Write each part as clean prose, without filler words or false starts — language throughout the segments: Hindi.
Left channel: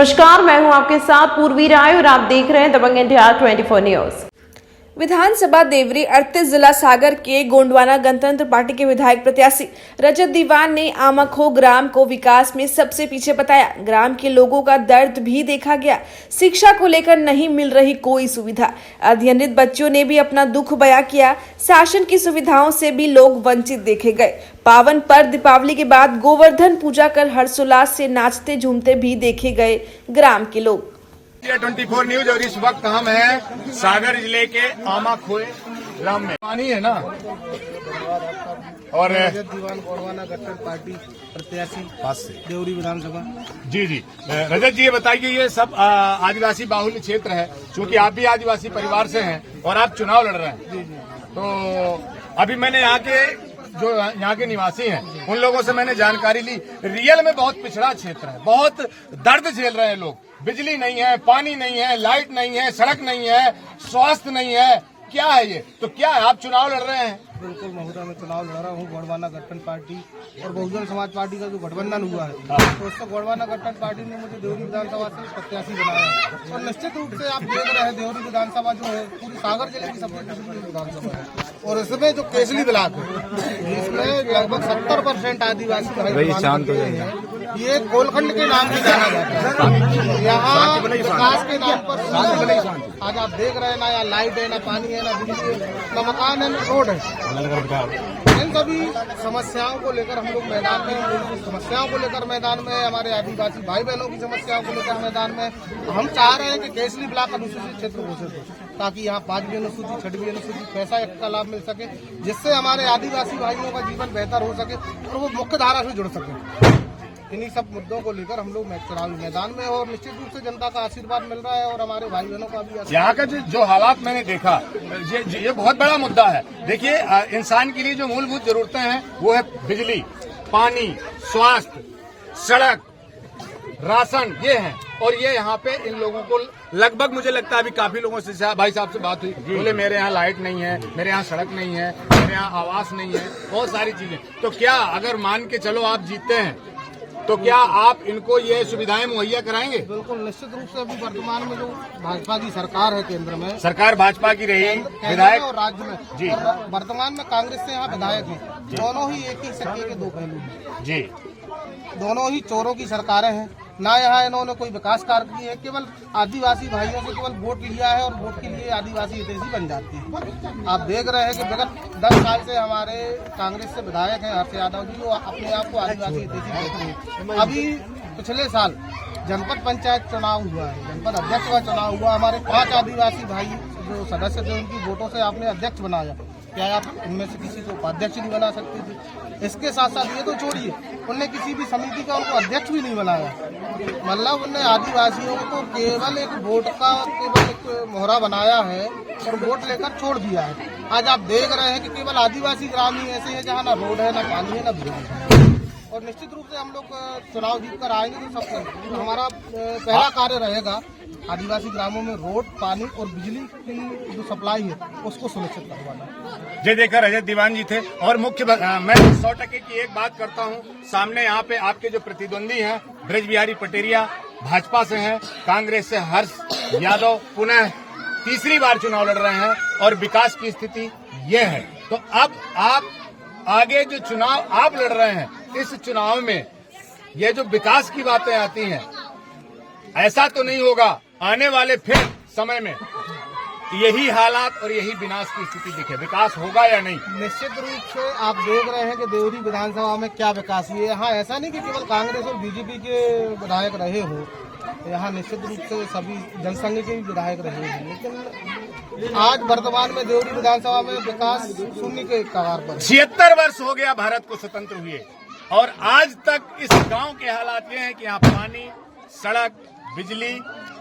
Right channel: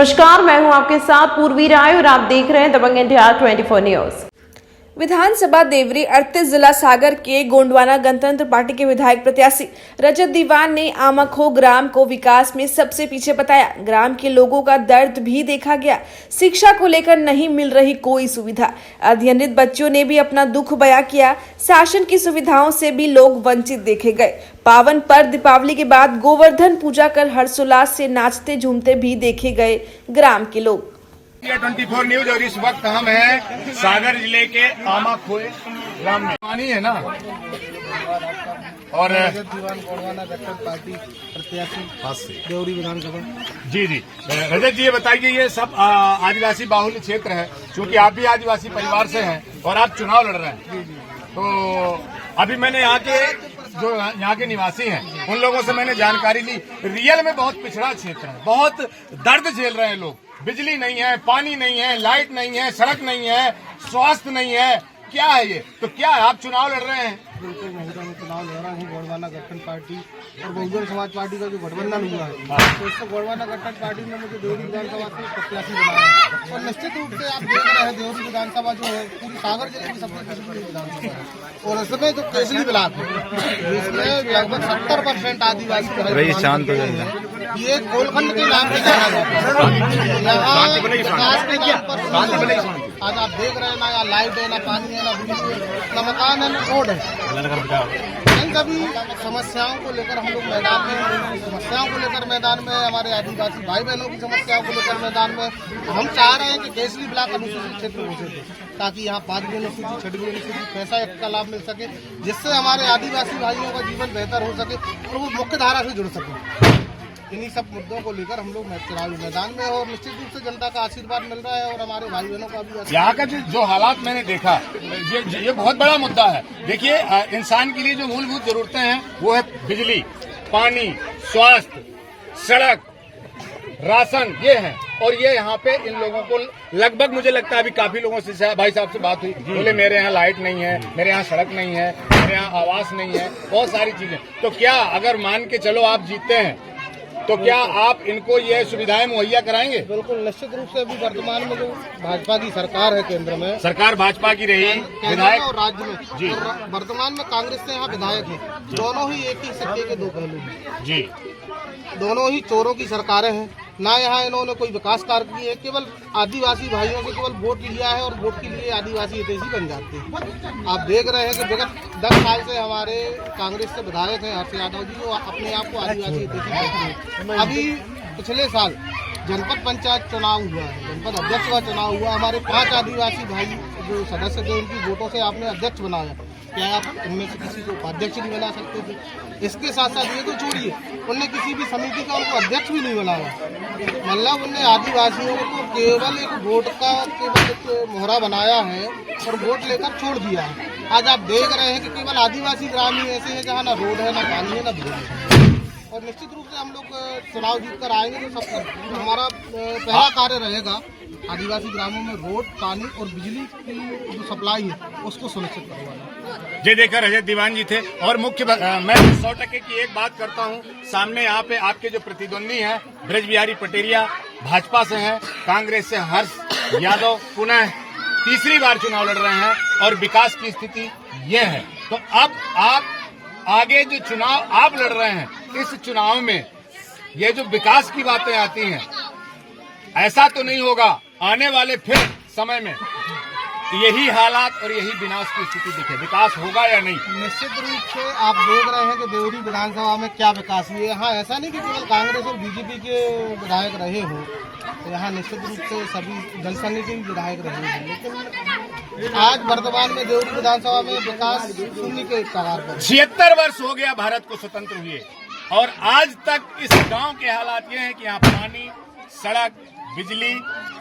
नमस्कार, मैं हूं आपके साथ पूर्वी राय और आप देख रहे हैं दबंग इंडिया 24 न्यूज। विधानसभा देवरी 38 जिला सागर के गोंडवाना गणतंत्र पार्टी के विधायक प्रत्याशी रजत दीवान ने आमाखो ग्राम को विकास में सबसे पीछे बताया। ग्राम के लोगों का दर्द भी देखा गया। शिक्षा को लेकर नहीं मिल रही कोई सुविधा। अध्ययनित बच्चों ने भी अपना दुख बयां किया। शासन की सुविधाओं से भी लोग वंचित देखे गए। पावन पर्व दीपावली के बाद गोवर्धन पूजा कर हर्षोल्लास से नाचते झूमते भी देखे गए ग्राम के लोग। 24 न्यूज और इस वक्त हम हैं सागर जिले के आमाखोए ग्राम में। पानी है ना और दीवान गोंडवाना गठबंधन पार्टी प्रत्याशी देवरी विधानसभा। जी रजत जी, ये बताइए, ये सब आदिवासी बाहुल्य क्षेत्र है, क्योंकि आप भी आदिवासी परिवार से हैं और आप चुनाव लड़ रहे हैं। तो अभी मैंने यहाँ के निवासी हैं, उन लोगों से मैंने जानकारी ली। रियल में बहुत पिछड़ा क्षेत्र है, बहुत दर्द झेल रहे हैं लोग। बिजली नहीं है, पानी नहीं है, लाइट नहीं है, सड़क नहीं है, स्वास्थ्य नहीं है। क्या है ये? तो क्या आप चुनाव लड़ रहे हैं? बिल्कुल महोदय, मैं चुनाव लड़ रहा हूँ। गोंडवाना गठबंधन पार्टी और बहुजन समाज पार्टी का जो गठबंधन हुआ है, तो इसको गोंडवाना गठबंधन पार्टी ने मुझे देवरी विधानसभा से प्रत्याशी बनाया है। और निश्चित रूप से आप देख रहे हैं देवरी विधानसभा जो है पूरी सागर जिले की सबसे प्रसिद्ध विधानसभा है। और इसमें जो केसली ब्लॉक है, इसमें लगभग 70% आदिवासी शांत हो जाएगा। ये कोलखंड के नाम से जाना जाता है। यहाँ विकास के नाम पर आज आप देख रहे हैं ना, यहाँ लाइट है, ना पानी है, ना बिजली है, ना मकान है, ना रोड है। इन सभी समस्याओं को लेकर हम लोग मैदान में, समस्याओं को लेकर मैदान में, हमारे आदिवासी भाई बहनों की समस्याओं को लेकर मैदान में हम चाह रहे हैं कि केसली ब्लॉक अनुसूचित क्षेत्र घोषित हो, ताकि यहाँ 5वीं अनुसूचित, 6वीं अनुसूचित पैसा का लाभ मिल सके, जिससे हमारे आदिवासी भाइयों का जीवन बेहतर हो सके और वो मुख्य धारा से जुड़ सके। इन्हीं सब मुद्दों को लेकर हम लोग चुनावी मैदान में, और निश्चित रूप से जनता का आशीर्वाद मिल रहा है और हमारे भाई बहनों का भी। यहाँ का जो हालात मैंने देखा, ये बहुत बड़ा मुद्दा है। देखिए, इंसान के लिए जो मूलभूत जरूरतें हैं वो है बिजली, पानी, स्वास्थ्य, सड़क, राशन, ये है। और ये यहाँ पे इन लोगों को लगभग, मुझे लगता है अभी काफी लोगों से भाई साहब से बात हुई, बोले मेरे यहाँ लाइट नहीं है, मेरे यहाँ सड़क नहीं है, मेरे यहाँ आवास नहीं है, बहुत सारी चीजें। तो क्या अगर मान के चलो आप जीतते हैं तो क्या आप इनको ये सुविधाएं मुहैया कराएंगे? बिल्कुल, निश्चित रूप से। अभी वर्तमान में जो भाजपा की सरकार है, केंद्र में सरकार भाजपा की रही, विधायक और राज्य में जी, और वर्तमान में कांग्रेस से यहाँ विधायक हैं। दोनों ही एक ही सिक्के के दो पहलू हैं जी। दोनों ही चोरों की सरकारें हैं। ना यहाँ इन्होंने कोई विकास कार्य किए, केवल आदिवासी भाइयों से केवल वोट लिया है और वोट के लिए आदिवासी हितैषी बन जाते हैं। आप देख रहे हैं कि विगत 10 साल से हमारे कांग्रेस से विधायक हैं हर्ष यादव जी, वो अपने आप को आदिवासी हितैषी कहते हैं। अभी पिछले साल जनपद पंचायत चुनाव हुआ है, जनपद अध्यक्ष का चुनाव हुआ। हमारे 5 आदिवासी भाई जो सदस्य थे, उनकी वोटों से आपने अध्यक्ष बनाया। क्या आप इनमें से किसी को उपाध्यक्ष नहीं बना सकते थे? इसके साथ साथ ये तो छोड़िए, उनने किसी भी समिति का उनको अध्यक्ष भी नहीं बनाया। मतलब उनने आदिवासियों को केवल एक वोट का एक मोहरा बनाया है और वोट लेकर छोड़ दिया है। आज आप देख रहे हैं कि केवल आदिवासी ग्राम ही ऐसे हैं जहाँ ना रोड है, ना पानी है, ना बिजली है। और निश्चित रूप से हम लोग चुनाव जीत कर आएंगे तो सब हमारा पहला कार्य रहेगा आदिवासी ग्रामों में रोड, पानी और बिजली की जो सप्लाई है उसको सुनिश्चित करवाना। ये देखकर रजत दीवान जी थे। और मुख्य मैं 100% की एक बात करता हूँ, सामने यहाँ पे आपके जो प्रतिद्वंदी हैं ब्रज बिहारी पटेरिया भाजपा से हैं, कांग्रेस से हर्ष यादव पुनः तीसरी बार चुनाव लड़ रहे हैं और विकास की स्थिति ये है। तो अब आप आगे जो चुनाव आप लड़ रहे हैं, इस चुनाव में ये जो विकास की बातें आती हैं, ऐसा तो नहीं होगा आने वाले फिर समय में यही हालात और यही विनाश की स्थिति दिखे? विकास होगा या नहीं? निश्चित रूप से आप देख रहे हैं कि देवरी विधानसभा में क्या विकास हुई है। यहाँ ऐसा नहीं कि केवल कांग्रेस और बीजेपी के विधायक रहे हो, तो यहाँ निश्चित रूप से सभी जनसंघ के भी विधायक रहे हैं। लेकिन आज वर्तमान में देवरी विधानसभा में विकास शून्य के कगार पर। 76 वर्ष हो गया भारत को स्वतंत्र हुए और आज तक इस गांव के हालात ये हैं कि यहाँ पानी, सड़क, बिजली,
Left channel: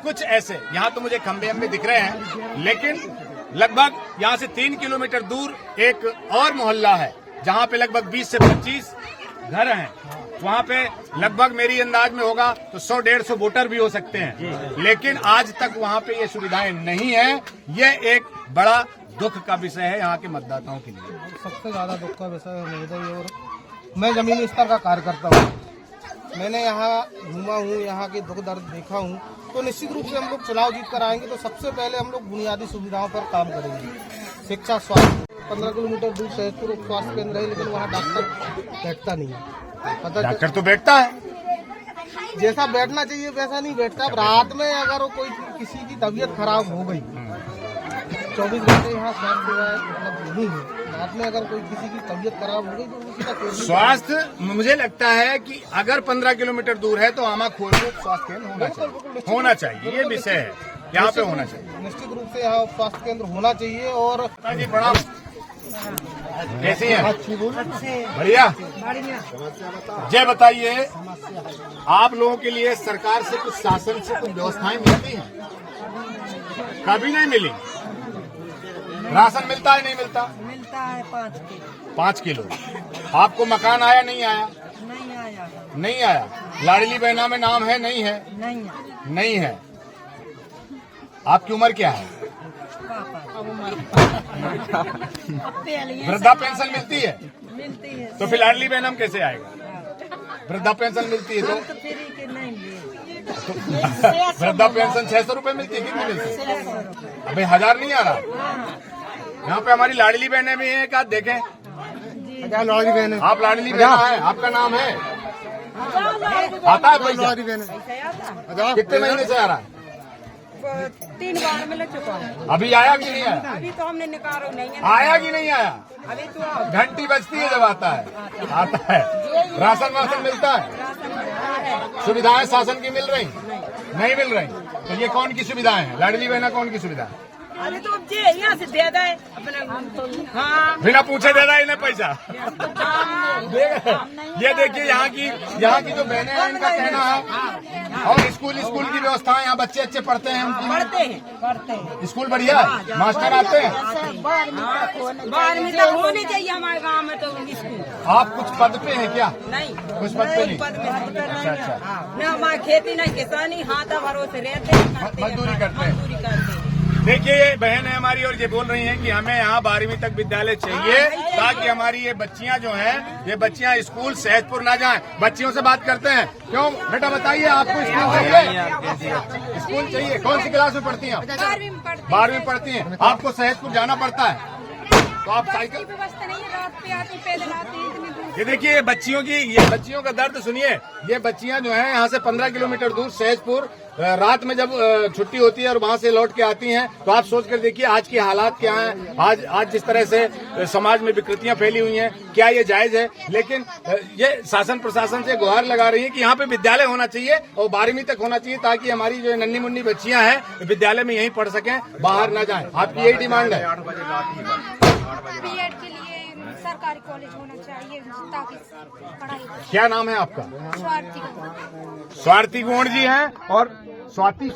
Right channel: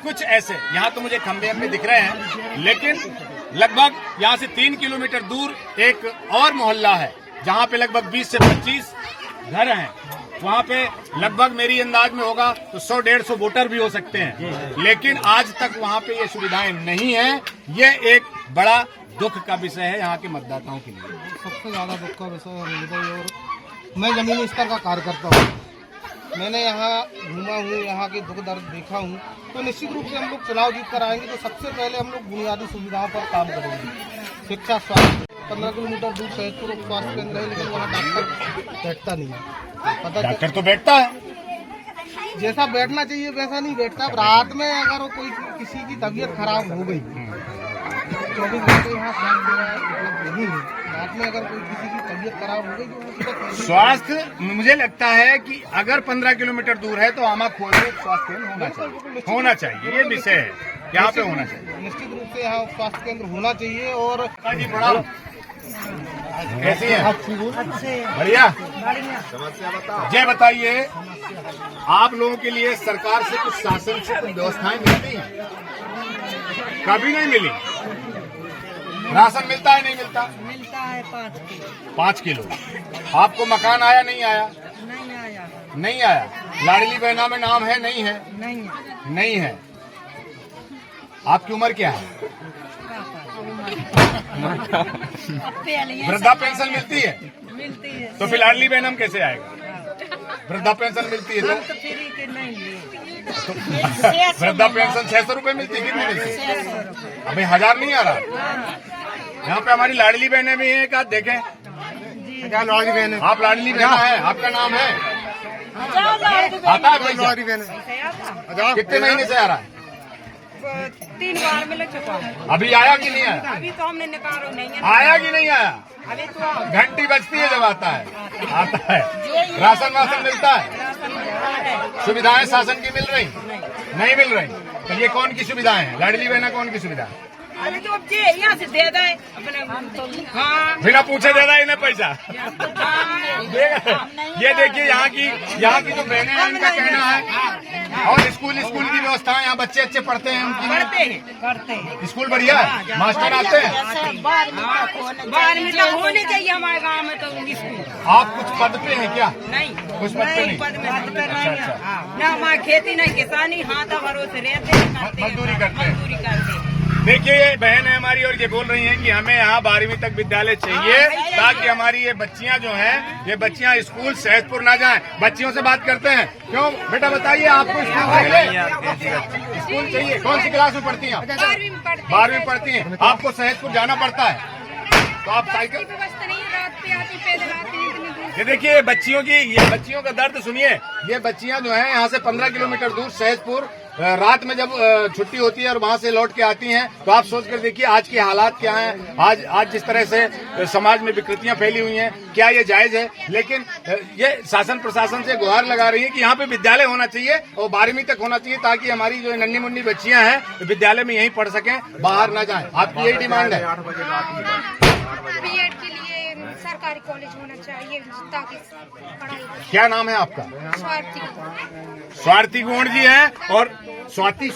कुछ ऐसे, यहाँ तो मुझे खंबे में दिख रहे हैं, लेकिन लगभग यहाँ से 3 किलोमीटर दूर एक और मोहल्ला है जहाँ पे लगभग 20 से 25 घर हैं। वहाँ पे लगभग मेरी अंदाज में होगा तो 100-150 वोटर भी हो सकते हैं, लेकिन आज तक वहाँ पे ये सुविधाएं नहीं है। ये एक बड़ा दुख का विषय है यहाँ के मतदाताओं के लिए। सबसे ज्यादा दुख का विषय है। और मैं जमीनी स्तर का कार्य करता हूँ मैंने यहाँ घूमा हूँ, यहाँ के दुख दर्द देखा हूँ, तो निश्चित रूप से हम लोग चुनाव जीत कर आएंगे तो सबसे पहले हम लोग बुनियादी सुविधाओं पर काम करेंगे। शिक्षा, स्वास्थ्य, 15 किलोमीटर दूर सहजपुर स्वास्थ्य केंद्र है, लेकिन वहाँ डॉक्टर बैठता नहीं है। पता डॉक्टर तो बैठता है, जैसा बैठना चाहिए वैसा नहीं बैठता। अब रात में अगर कोई किसी की तबीयत खराब हो गई, 24 घंटे यहाँ स्वास्थ्य सेवाएं उपलब्ध नहीं है। रात में अगर कोई किसी की तबीयत खराब हो गई तो उसी का स्वास्थ्य मुझे लगता है कि अगर 15 किलोमीटर दूर है तो आमाखोर में स्वास्थ्य केंद्र होना चाहिए। ये विषय है, यहाँ पे होना चाहिए। निश्चित रूप से यहाँ स्वास्थ्य केंद्र होना चाहिए। और जी प्रणाम, कैसी है? बढ़िया। जय बताइए, आप लोगों के लिए सरकार से कुछ शासन से कुछ व्यवस्थाएं मिलती हैं? कभी नहीं मिली। राशन मिलता है नहीं मिलता? मिलता है 5 किलो। आपको मकान आया नहीं आया? नहीं आया। नहीं आया। लाडली बहना में नाम है नहीं है? नहीं है। नहीं है। आपकी उम्र क्या है? वृद्धा पेंशन मिलती है? मिलती है। तो फिर लाडली बहनम कैसे आएगा? वृद्धा पेंशन मिलती है तो तो फ्री के नहीं लिए। वृद्धा पेंशन 600 रुपए मिलती है, कितनी मिलती है? 600 रुपए। अभी 1000 नहीं आ रहा। यहाँ पे हमारी लाडली बहनें भी हैं, क्या देखें? क्या लाडली बहन है? आप लाडली बहना है, आपका नाम है? आता है पैसा? कितने महीने से आ रहा है? 3 बार मिल चुका है। अभी आया कि नहीं आया? अभी तो हमने निकालो नहीं है। आया कि नहीं आया? अभी तो घंटी बजती है जब आता है। आता है। राशन वासन मिलता है? राशन मिलता है। सुविधाएं शासन की मिल रही? नहीं मिल रही। तो ये कौन की सुविधाएं हैं? लाडली बहना कौन की सुविधा है? अभी तो अब यहाँ से दे दे अपने। हाँ, बिना पूछे दे रहा है इन्हें पैसा। ये देखिए यहाँ की जो बहनें हैं उनका कहना है। और स्कूल की व्यवस्था, यहाँ बच्चे अच्छे पढ़ते हैं उनकी? पढ़ते हैं। स्कूल बढ़िया है, मास्टर आते हैं? 12वीं तक होनी चाहिए हमारे गाँव में तो स्कूल। आप कुछ पद पे हैं क्या? नहीं, कुछ पद पे नहीं? पद में नहीं अच्छा, है। अच्छा। हाँ, न हमारी खेती नहीं किसानी, हाथ भरोसे रहते हैं, मजदूरी करते हैं। मजदूरी करते हैं। देखिए ये बहन है हमारी और ये बोल रही हैं कि हमें यहाँ 12वीं तक विद्यालय चाहिए ताकि हमारी ये बच्चियाँ जो हैं, ये बच्चियाँ स्कूल सहजपुर ना जाएं। बच्चियों से बात करते हैं। क्यों बेटा बताइए, आपको स्कूल चाहिए? स्कूल चाहिए। कौन सी क्लास में पढ़ती हैं आप? 12वीं में पढ़ती हैं। आपको सहजपुर जाना पड़ता है तो आप साइकिल? ये देखिए ये बच्चियों का दर्द सुनिए। ये बच्चियां जो हैं यहाँ से 15 किलोमीटर दूर सहजपुर रात में जब छुट्टी होती है और वहां से लौट के आती हैं, तो आप सोच कर देखिए आज के हालात क्या हैं। आज जिस तरह से समाज में विकृतियां फैली हुई हैं, क्या ये जायज है? लेकिन ये शासन प्रशासन से गुहार लगा रही है कि यहाँ पे विद्यालय होना चाहिए और 12वीं तक होना चाहिए ताकि हमारी जो नन्ही मुन्नी बच्चियां हैं विद्यालय में यहीं पढ़ सकें, बाहर ना जाएं। आपकी यही डिमांड है? बीएड के लिए सरकारी कॉलेज होना चाहिए ताकि पढ़ाई। क्या नाम है आपका? स्वार्थी गोण जी हैं और स्वार्थी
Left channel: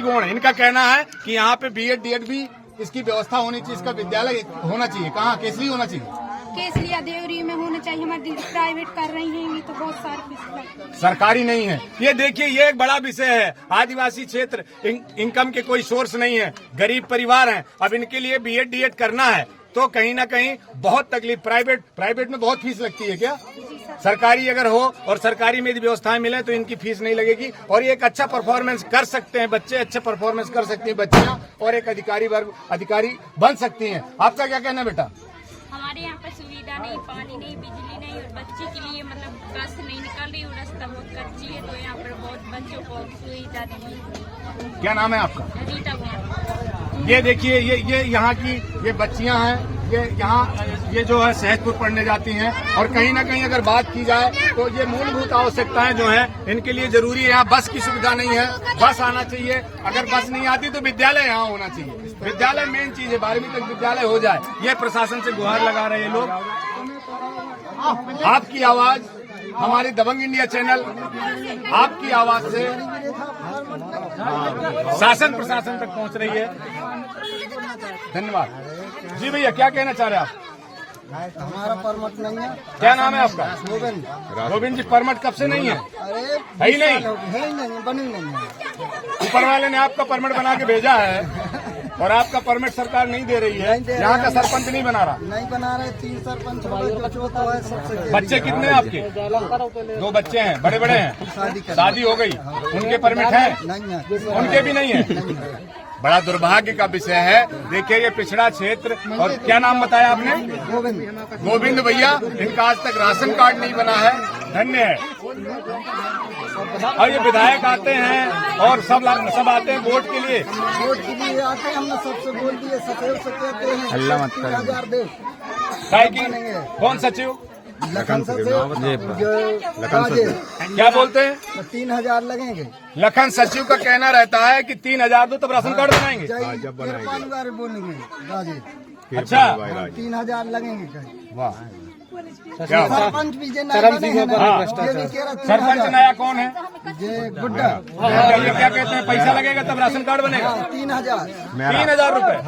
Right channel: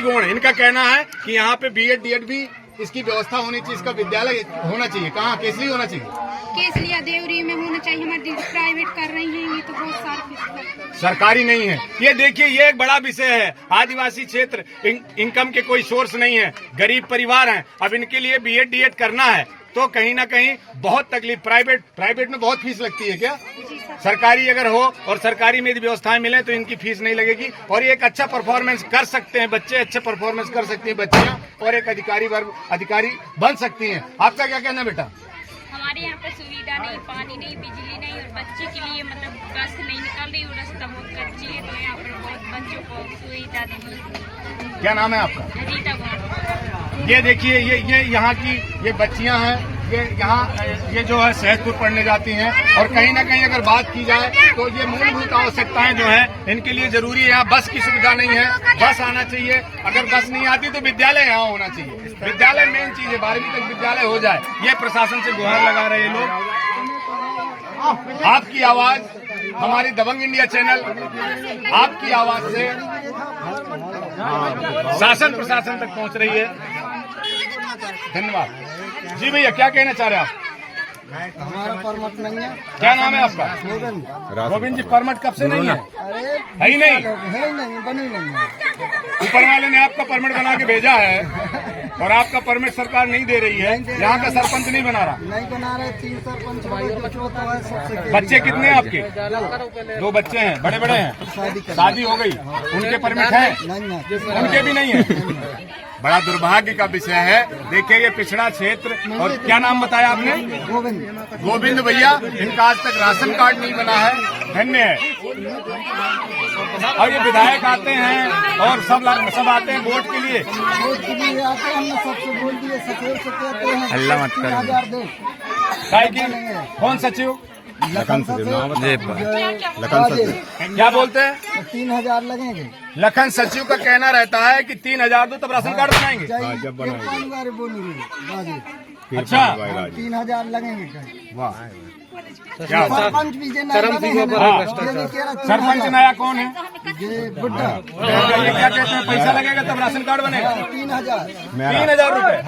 गोण। इनका कहना है कि यहाँ पे बीएड डीएड भी इसकी व्यवस्था होनी चाहिए, इसका विद्यालय होना चाहिए। कहाँ? केसरी होना चाहिए? केसलिया देवरी में होना चाहिए। हमारी दीदी प्राइवेट कर रही हैं, ये तो बहुत सारी सरकारी नहीं है। ये देखिए ये एक बड़ा विषय है। आदिवासी क्षेत्र, इनकम के कोई सोर्स नहीं है, गरीब परिवार हैं। अब इनके लिए बीएड डीएड करना है तो कहीं ना कहीं बहुत तकलीफ। प्राइवेट में बहुत फीस लगती है क्या? सरकारी अगर हो और सरकारी में यदि व्यवस्थाएं मिले तो इनकी फीस नहीं लगेगी और ये एक अच्छा परफॉर्मेंस कर सकते हैं बच्चे, अच्छे परफॉर्मेंस कर सकती हैं बच्चियां और एक अधिकारी बन सकती हैं। आपका क्या कहना है बेटा? हमारे यहाँ पर सुविधा नहीं, पानी नहीं, बिजली नहीं और बच्चे के लिए मतलब बस नहीं निकल रही और रास्ता बहुत कच्ची है, तो यहाँ पर बहुत बच्चों को सुविधा नहीं। क्या नाम है आपका? रीता कुमार। ये देखिए ये यहाँ की ये बच्चियां हैं, ये जो है सहजपुर पढ़ने जाती हैं और कहीं ना कहीं अगर बात की जाए तो ये मूलभूत आवश्यकताएं जो हैं इनके लिए जरूरी है। यहाँ बस की सुविधा नहीं है, बस आना चाहिए। अगर बस नहीं आती तो विद्यालय यहाँ होना चाहिए। विद्यालय मेन चीज है, 12वीं तक विद्यालय हो जाए। ये प्रशासन से गुहार लगा रहे हैं लोग। आपकी आवाज हमारी दबंग इंडिया चैनल आपकी आवाज से शासन प्रशासन तक पहुंच रही है। धन्यवाद जी। भैया क्या कहना चाह रहे हैं आप? हमारा परमट नहीं है। क्या नाम है आपका? गोविंद। गोविंद जी, परमट कब से नहीं है? अरे है ही नहीं, है ही नहीं, बनी नहीं है। ऊपर वाले ने आपका परमट बना के भेजा है। और आपका परमिट सरकार नहीं दे रही है, यहाँ का सरपंच नहीं बना रहा। नहीं बना रहे, 3 सरपंच हो गए, जो चौथा है सबसे। बच्चे कितने हैं आपके? 2 बच्चे हैं, बड़े बड़े हैं, शादी हो गई, उनके परमिट है? उनके भी नहीं है। बड़ा दुर्भाग्य का विषय है। देखिए ये पिछड़ा क्षेत्र, और क्या नाम बताया आपने? गोविंद भैया, इनका आज तक राशन कार्ड नहीं बना है, धन्य है। और ये विधायक आते हैं और सब आते हैं वोट के लिए। वोट के लिए आते हैं, हमने सबसे बोल दिए, सचिव से कहते हैं हल्ला मत करो। 3000 दे। कौन सचिव? लखन सचिव, क्या बोलते हैं? 3000 लगेंगे। लखन सचिव का कहना रहता है कि 3000 दो तब राशन कार्ड बनाएंगे। बोलेंगे अच्छा, 3000 लगेंगे। वाह, क्या सरपंच भी जे नया बने हैं ना, हाँ। ये भी कह रहा सरपंच नया कौन है? ये बुड्ढा। ये क्या कहते हैं, पैसा लगेगा तब राशन कार्ड बनेगा? 3000। 3000 रुपए।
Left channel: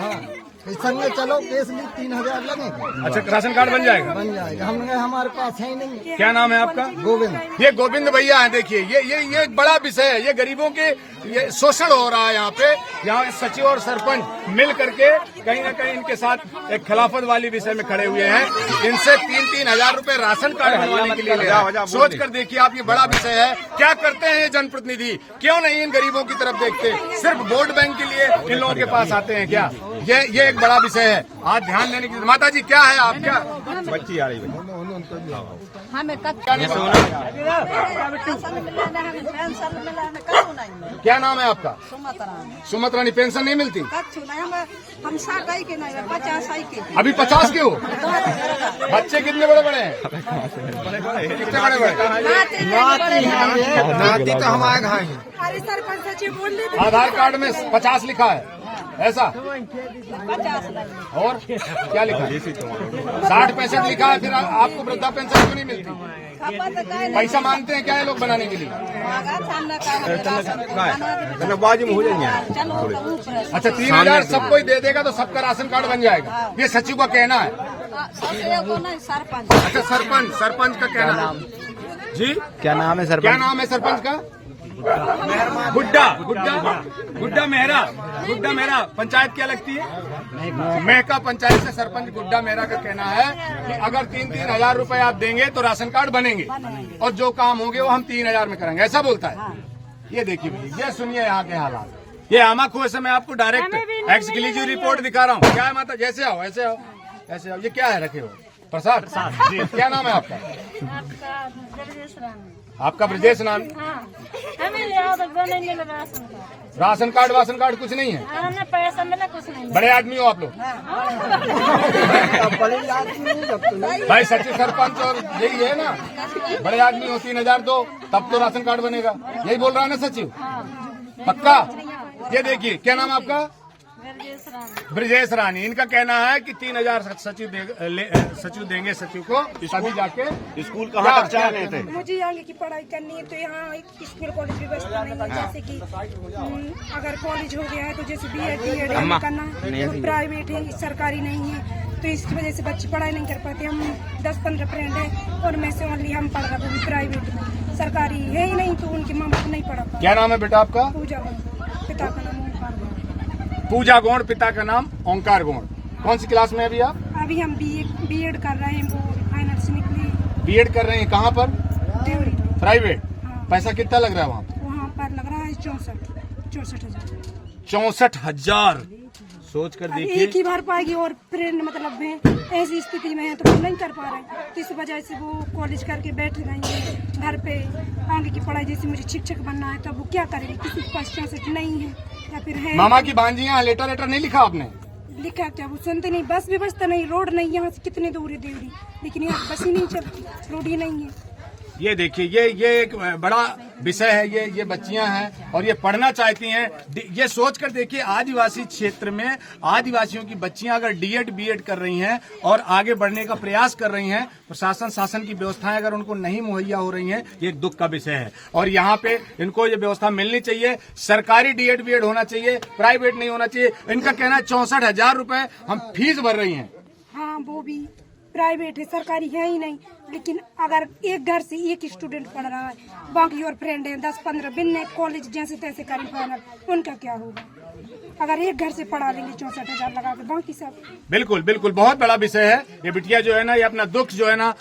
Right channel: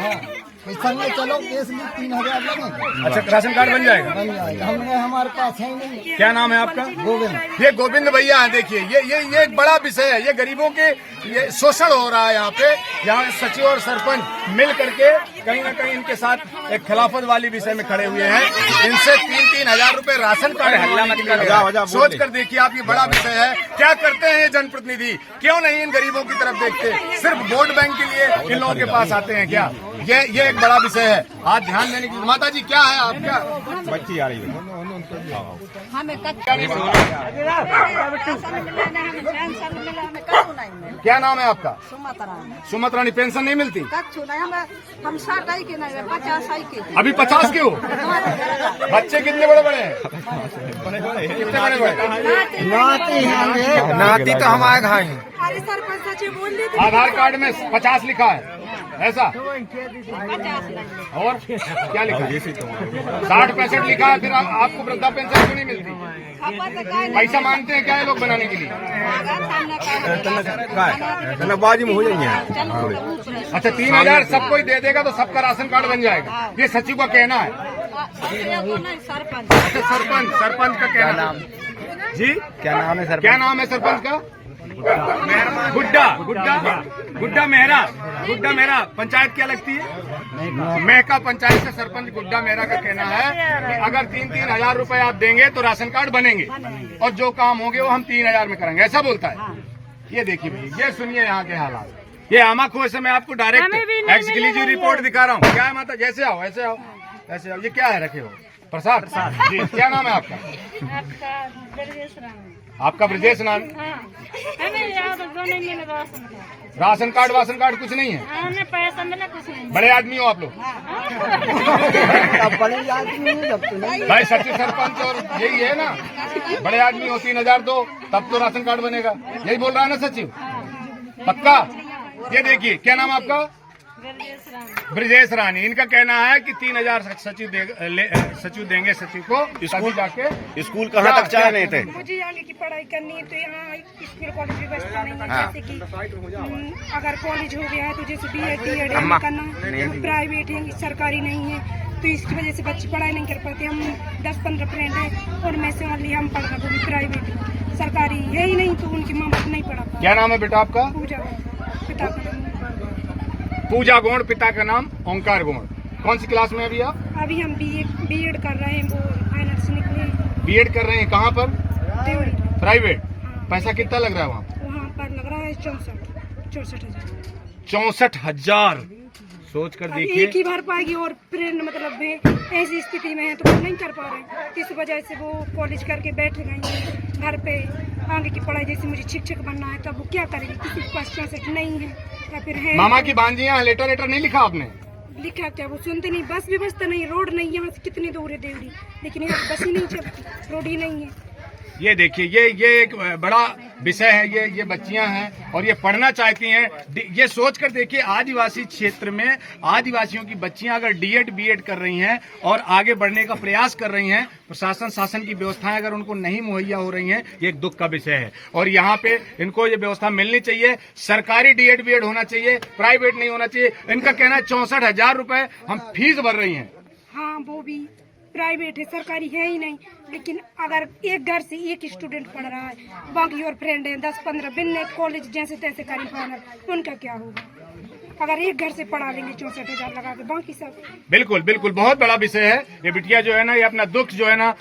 इस संग में चलो, केस लिए 3000 लगेंगे। अच्छा, राशन कार्ड बन जाएगा? बन जाएगा। हमने हमारे पास है ही नहीं। क्या नाम है आपका? गोविंद। ये गोविंद भैया हैं। देखिए ये एक बड़ा विषय है। ये गरीबों के ये शोषण हो रहा है यहाँ पे। यहाँ सचिव और सरपंच मिल करके कहीं न कहीं इनके साथ एक खिलाफत वाली विषय में खड़े हुए हैं। इनसे 3-3 हजार रुपए राशन कार्ड हल्ला मत करो। सोच कर देखिए आप, ये बड़ा विषय है। क्या करते हैं ये जनप्रतिनिधि? क्यों नहीं इन गरीबों की तरफ देखते? सिर्फ वोट बैंक के लिए इन लोगों के पास आते हैं क्या? ये एक बड़ा विषय है, आज ध्यान देने की। माता जी क्या है आप? क्या बच्ची आ रही है? क्या नहीं बोल क्या नाम है आपका? सुमत रानी। पेंशन नहीं मिलती? हम 50 की। अभी 50 की हो? बच्चे कितने बड़े बड़े हैं? कितने बड़े बड़े? नाती तो हमारे घर है। अरे सरपंच सचिव बोल रही आधार कार्ड में 50 लिखा है, ऐसा? 50 नहीं। और क्या लिखा है? 60-65 लिखा है। फिर आपको वृद्धा पेंशन क्यों नहीं मिलती? पैसा मांगते हैं क्या ये लोग बनाने के लिए? अच्छा, 3000 सबको ही दे देगा तो सबका राशन कार्ड बन जाएगा, ये सचिव का कहना है। सरपंच। अच्छा, सरपंच का कहना जी। क्या नाम है सरपंच? क्या नाम है सरपंच का? गुड्डा मेहरा। पंचायत क्या लगती है? मेहका पंचायत से सरपंच गुड्डा मेहरा का कहना है कि अगर 3-3 हजार रुपए आप देंगे तो राशन कार्ड बनेंगे, और जो काम होंगे वो हम 3000 में करेंगे, ऐसा बोलता है। ये देखिए भैया, ये सुनिए यहाँ के हालात। ये आमाखो से मैं आपको डायरेक्ट एक्सक्लूसिव रिपोर्ट दिखा रहा हूँ। क्या है माता? जैसे आओ, ऐसे आओ, ऐसे आओ। ये क्या है रखे हो? प्रसाद जी। क्या नाम है आपका? आपका ब्रजेश नाम। राशन कार्ड कुछ नहीं है? पैसा मिला कुछ नहीं। बड़े आदमी हो आप लोग? भाई सचिव सरपंच और यही है ना, बड़े आदमी हो। 3000 दो तब तो राशन कार्ड बनेगा, यही बोल रहा है ना सचिव? पक्का? ये देखिए, क्या नाम आपका? ब्रजेश रानी। इनका कहना है कि 3000 सचिव देंगे सचिव को, तभी जाके स्कूल कहाँ तक चाह रहे थे? मुझे आगे की पढ़ाई करनी है तो यहाँ स्कूल कॉलेज की व्यवस्था नहीं है। जैसे कि अगर कॉलेज हो गया तो जैसे BEd करना तो प्राइवेट है, सरकारी नहीं है, तो इसकी वजह से बच्चे पढ़ाई नहीं कर पाते। हम 10-15 फ्रेंड हैं और मैं से ओनली हम पढ़ रहे, वो भी प्राइवेट है, सरकारी है ही नहीं, तो उनके माँ बाप नहीं पढ़ा। क्या नाम है बेटा आपका? पूजा, पिता का नाम पूजा गौड़, पिता का नाम ओंकार गौड़। कौन सी क्लास में अभी आप? अभी हम BEd कर रहे हैं, वो फाइनल से निकले। BEd कर रहे हैं, कहाँ पर? प्राइवेट। हाँ। पैसा कितना लग रहा है वहाँ? वहाँ पर लग रहा है 64,000। 64,000। सोच कर अभी देखिए। एक ही भर पाएगी, और फ्रेंड मतलब है ऐसी स्थिति में है तो वो नहीं कर पा रहे हैं, इस वजह से वो कॉलेज करके बैठ गई हैं घर पे। आगे की पढ़ाई, जैसे मुझे शिक्षक बनना है, तब वो क्या करेगी? किसी के पास 64 नहीं है या फिर है। मामा की भांजियाँ, लेटर नहीं लिखा आपने? लिखा क्या? वो सुनते नहीं। बस व्यवस्था नहीं, रोड नहीं, यहाँ से कितने दूर है देवरी, लेकिन यहाँ बस ही नहीं चलती, रोड ही नहीं है। ये देखिए, ये एक बड़ा विषय है। ये बच्चियां हैं और ये पढ़ना चाहती हैं। ये सोच कर देखिए, आदिवासी क्षेत्र में आदिवासियों की बच्चियां अगर BEd कर रही हैं और आगे बढ़ने का प्रयास कर रही हैं, शासन की व्यवस्थाएं अगर उनको नहीं मुहैया हो रही हैं, ये एक दुख का विषय है। और यहाँ पे इनको ये व्यवस्था मिलनी चाहिए। सरकारी BEd होना चाहिए, प्राइवेट नहीं होना चाहिए। इनका कहना है 64,000 रुपए हम फीस भर रही हैं। हाँ, वो भी प्राइवेट है, सरकारी है ही नहीं। लेकिन अगर एक घर से एक स्टूडेंट पढ़ रहा है, बाकी और फ्रेंड है 10-15 बिन कॉलेज जैसे तैसे करी फाइनल, उनका क्या होगा? अगर एक घर से पढ़ा लेंगे 64,000 लगा के, बाकी सब बिल्कुल बिल्कुल बहुत बड़ा विषय है ये। बिटिया जो है ना, ये अपना दुख जो है ना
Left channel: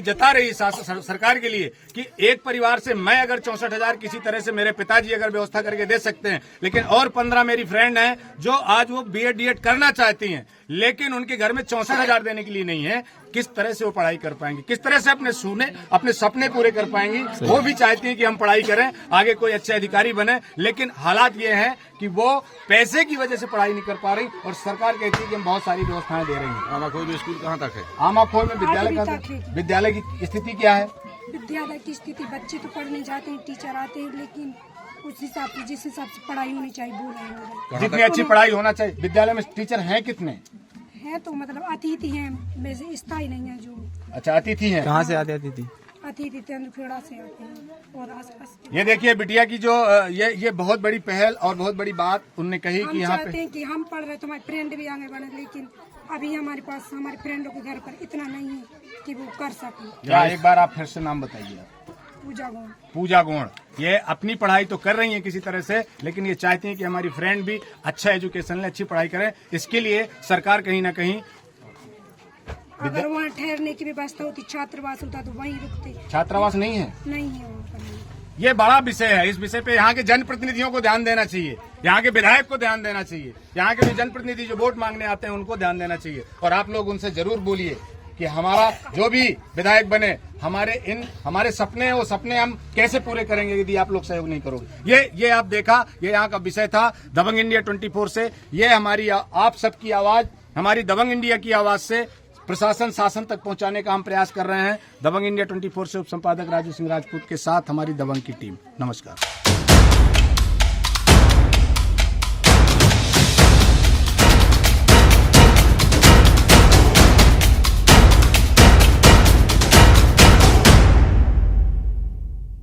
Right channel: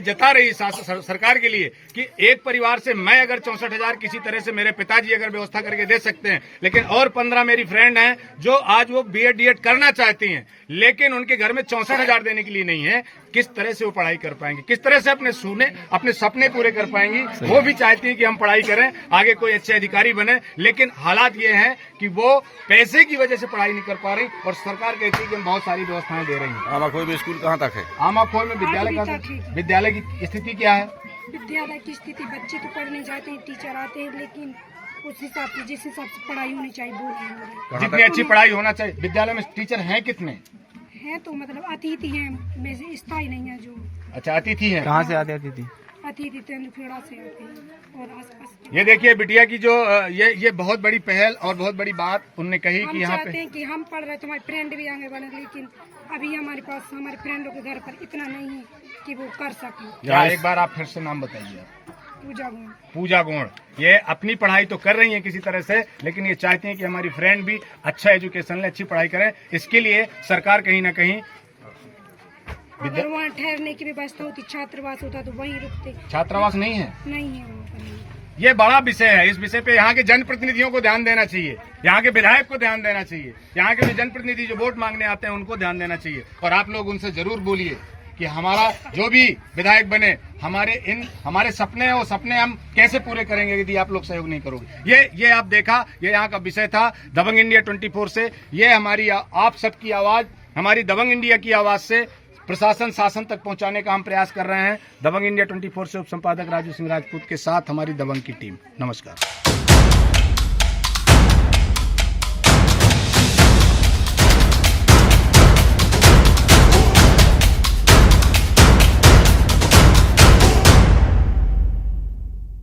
जता रही सरकार के लिए कि एक परिवार से मैं अगर 64,000 किसी तरह से मेरे पिताजी अगर व्यवस्था करके दे सकते हैं, लेकिन और 15 मेरी फ्रेंड हैं जो आज वो बीएड डीएड करना चाहती हैं, लेकिन उनके घर में 64,000 देने के लिए नहीं है। किस तरह से वो पढ़ाई कर पाएंगे, किस तरह से अपने सपने पूरे कर पाएंगी? वो भी चाहती हैं कि हम पढ़ाई करें, आगे कोई अच्छे अधिकारी बने, लेकिन हालात ये हैं कि वो पैसे की वजह से पढ़ाई नहीं कर पा रही और सरकार कहती है कि हम बहुत सारी व्यवस्थाएं दे रही हैं। आमाखोई में स्कूल कहाँ तक है? आमाखोई में विद्यालय की स्थिति क्या है? विद्यालय की स्थिति, बच्चे तो पढ़ने जाते हैं, टीचर आते हैं, लेकिन उस हिसाब से जिस हिसाब से पढ़ाई होनी चाहिए वो नहीं हो रही। जितनी अच्छी पढ़ाई होना चाहिए। विद्यालय में टीचर हैं कितने? है तो मतलब अतिथि हैं, वैसे स्थायी नहीं है जो। अच्छा, अतिथि हैं। कहाँ से आते अतिथि? अतिथि तेंदुखेड़ा से आते हैं और आसपास के। ये देखिए बिटिया की जो ये बहुत बड़ी पहल और बहुत बड़ी बात उन्होंने कही कि यहाँ चाहते पे हैं कि हम पढ़ रहे तो हमारे फ्रेंड भी आगे बढ़े, लेकिन अभी हमारे पास हमारे फ्रेंडों के घर पर इतना नहीं है कि वो कर सके। क्या एक बार आप फिर से नाम बताइए आप? पूजा गोंड। ये अपनी पढ़ाई तो कर रही हैं किसी तरह से, लेकिन ये चाहती हैं कि हमारी फ्रेंड भी अच्छा एजुकेशन ले, अच्छी पढ़ाई करें। इसके लिए सरकार कहीं ना कहीं अगर वहाँ ठहरने की व्यवस्था होती, छात्रावास होता तो वहीं रुकते। छात्रावास नहीं है, नहीं है वहाँ पर। ये बड़ा विषय है। इस विषय पे यहाँ के जनप्रतिनिधियों को ध्यान देना चाहिए, यहाँ के विधायक को ध्यान देना चाहिए, यहाँ के भी जनप्रतिनिधि जो वोट मांगने आते हैं उनको ध्यान देना चाहिए। और आप लोग उनसे जरूर बोलिए कि हमारा जो भी विधायक बने, हमारे सपने हैं, वो सपने हम कैसे पूरे करेंगे यदि आप लोग सहयोग नहीं करोगे। ये आप देखा, ये यहाँ का विषय था दबंग इंडिया 24 से। ये हमारी आप सबकी आवाज, हमारी दबंग इंडिया की आवाज से प्रशासन शासन तक पहुंचाने का हम प्रयास कर रहे हैं। दबंग इंडिया 24 से उप संपादक राजू सिंह राजपूत के साथ हमारी दबंग की टीम। नमस्कार।